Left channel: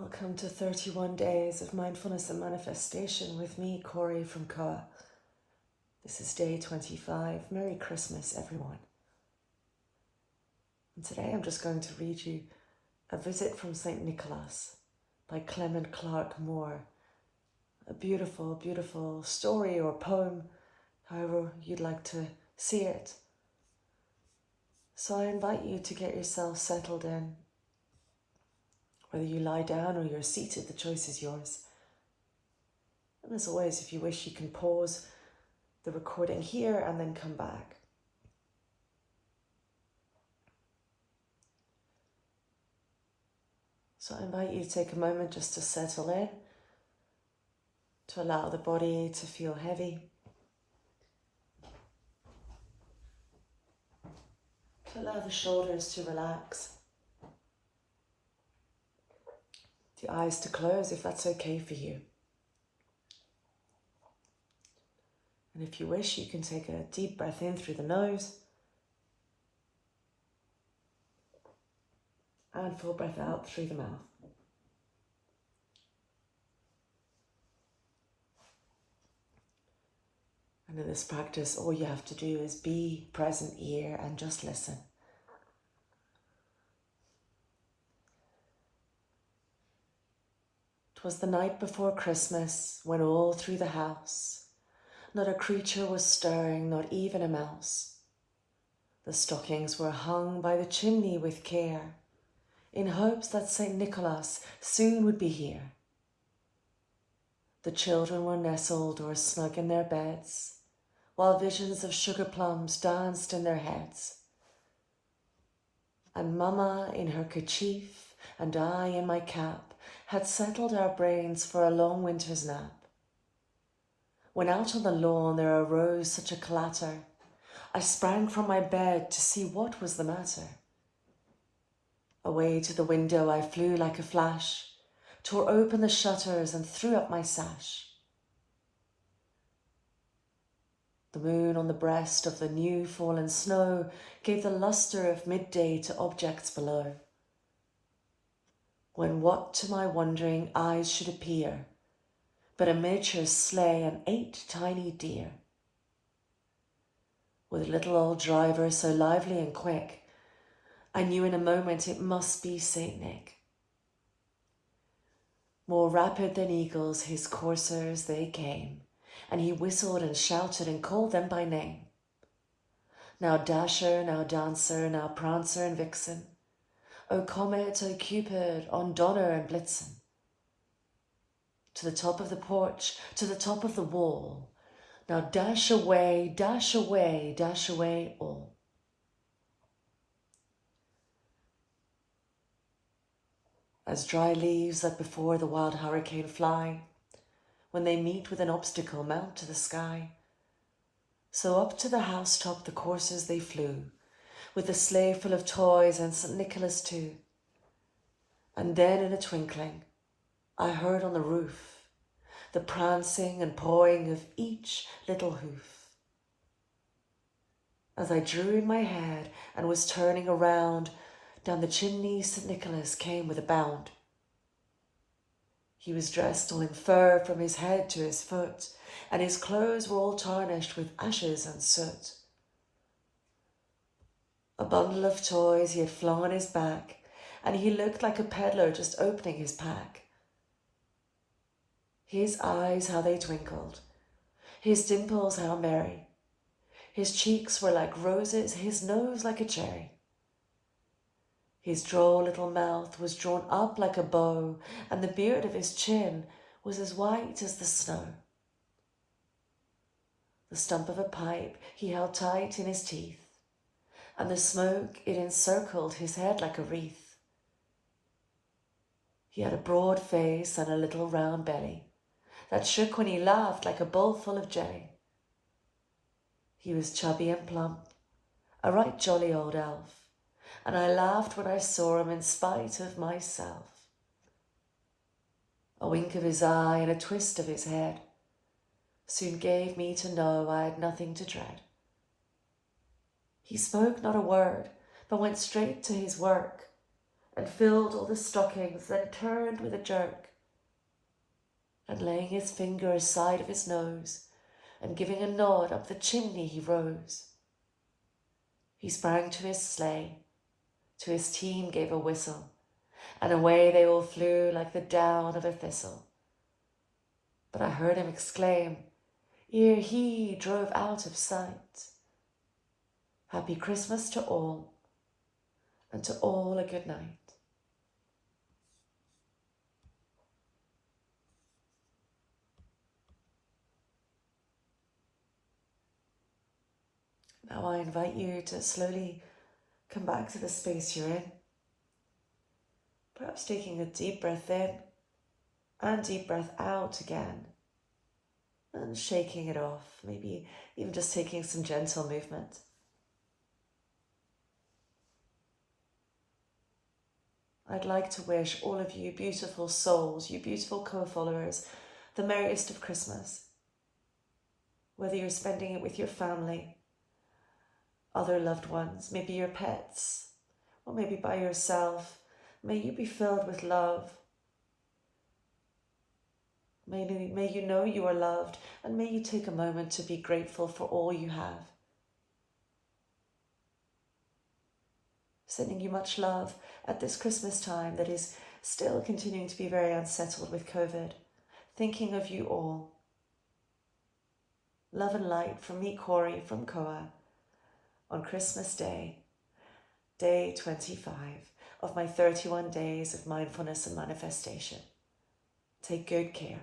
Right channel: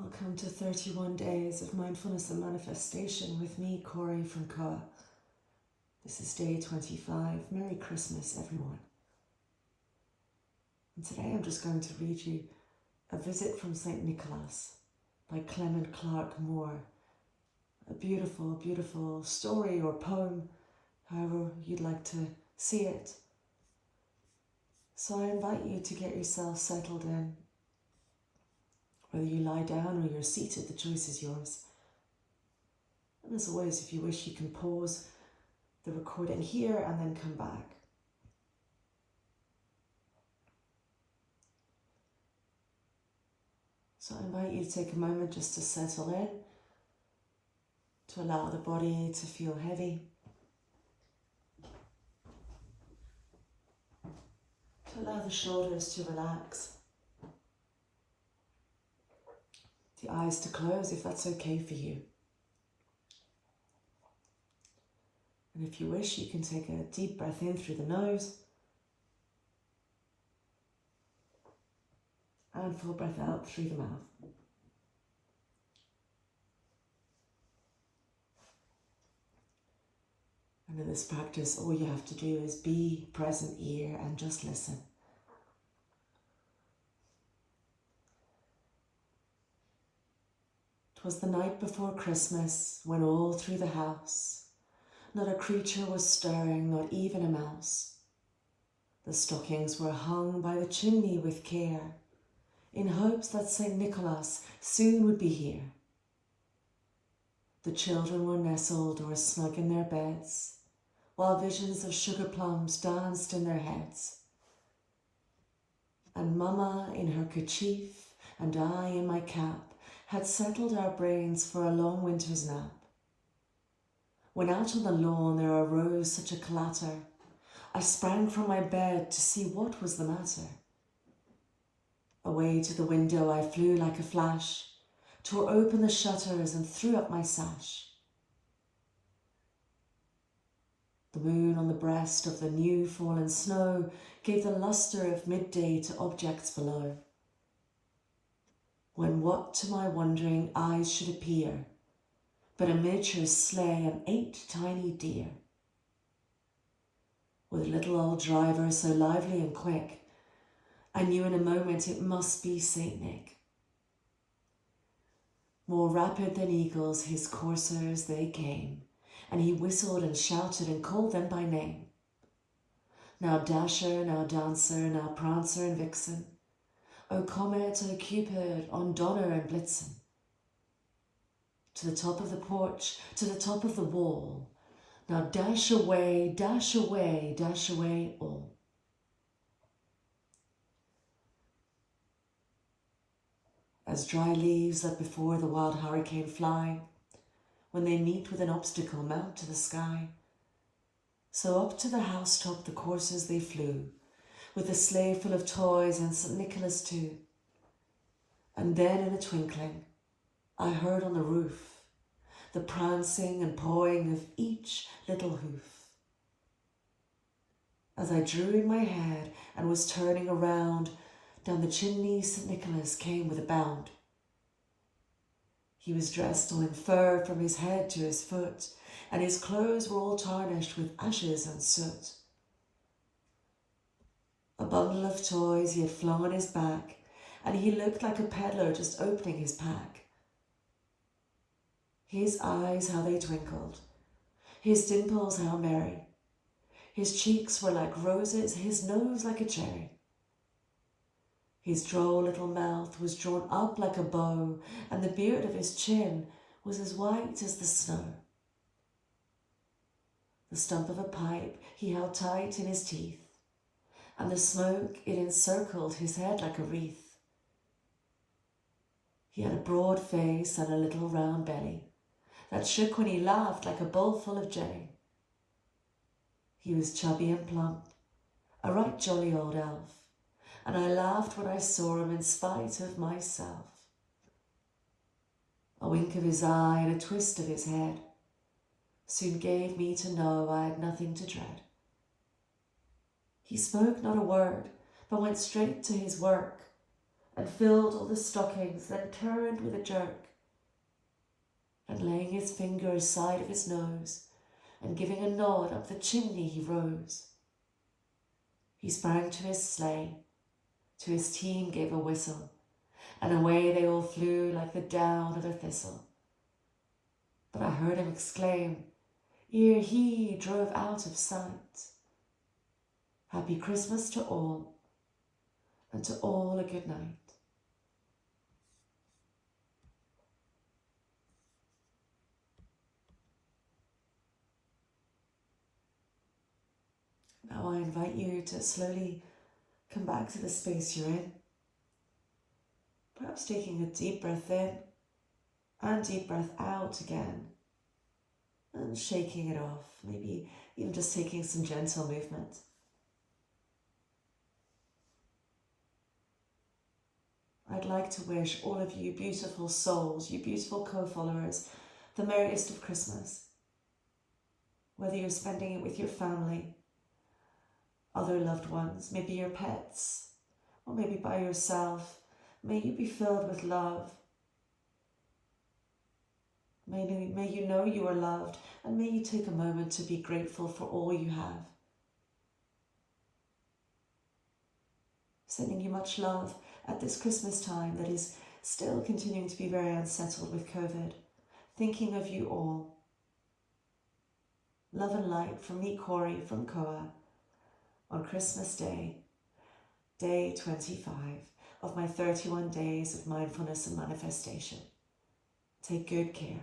Welcome to 31 Days of Mindfulness and Manifestation with me, Corey from Koa. This is day 25. Merry Christmas, everyone. And today I'm just going to read you A Visit from St. Nicholas by Clement Clark Moore. A beautiful, beautiful story or poem, however you'd like to see it. So I invite you to get yourself settled in. Whether you lie down or you're seated, the choice is yours. And as always, if you wish, you can pause the recording here and then come back. So I invite you to take a moment just to settle in, to allow the body to feel heavy, to allow the shoulders to relax, the eyes to close if that's okay for you. And if you wish, you can take a deep breath in through the nose and full breath out through the mouth. And in this practice, all you have to do is be present here and just listen. "'Twas the night before Christmas, when all through the house not a creature was stirring, not even a mouse. The stockings were hung by the chimney with care, in hopes that St. Nicholas soon would be here. The children were nestled or snug in their beds, while visions of sugar plums danced in their heads. And Mama in her kerchief and I in my cap had settled our brains for a long winter's nap. When out on the lawn there arose such a clatter, I sprang from my bed to see what was the matter. Away to the window I flew like a flash, tore open the shutters and threw up my sash. The moon on the breast of the new fallen snow gave the lustre of midday to objects below. When what to my wondering eyes should appear but a miniature sleigh and 8 tiny deer, with a little old driver so lively and quick, I knew in a moment it must be Saint Nick. More rapid than eagles his coursers they came, and he whistled and shouted and called them by name. Now Dasher, now Dancer, now Prancer and Vixen, O Comet, O Cupid, on Donner and Blitzen. To the top of the porch, to the top of the wall, now dash away, dash away, dash away all. As dry leaves that before the wild hurricane fly, when they meet with an obstacle mount to the sky, so up to the housetop the coursers they flew, with the sleigh full of toys and St. Nicholas too. And then in a twinkling, I heard on the roof the prancing and pawing of each little hoof. As I drew in my head and was turning around, down the chimney St. Nicholas came with a bound. He was dressed all in fur from his head to his foot, and his clothes were all tarnished with ashes and soot. A bundle of toys he had flung on his back, and he looked like a peddler just opening his pack. His eyes, how they twinkled, his dimples, how merry. His cheeks were like roses, his nose like a cherry. His droll little mouth was drawn up like a bow, and the beard of his chin was as white as the snow. The stump of a pipe he held tight in his teeth, and the smoke it encircled his head like a wreath. He had a broad face and a little round belly that shook when he laughed like a bowl full of jelly. He was chubby and plump, a right jolly old elf, and I laughed when I saw him in spite of myself. A wink of his eye and a twist of his head soon gave me to know I had nothing to dread. He spoke not a word, but went straight to his work, and filled all the stockings, then turned with a jerk, and laying his finger aside of his nose, and giving a nod up the chimney he rose. He sprang to his sleigh, to his team gave a whistle, and away they all flew like the down of a thistle. But I heard him exclaim, ere he drove out of sight, Happy Christmas to all, and to all a good night. Now I invite you to slowly come back to the space you're in. Perhaps taking a deep breath in and deep breath out again, and shaking it off, maybe even just taking some gentle movement. I'd like to wish all of you beautiful souls, you beautiful co-followers, the merriest of Christmas. Whether you're spending it with your family, other loved ones, maybe your pets, or maybe by yourself, may you be filled with love. May you know you are loved, and may you take a moment to be grateful for all you have. Sending you much love at this Christmas time that is still continuing to be very unsettled with COVID. Thinking of you all. Love and light from me, Corey, from Koa, on Christmas Day, day 25 of my 31 days of mindfulness and manifestation. Take good care.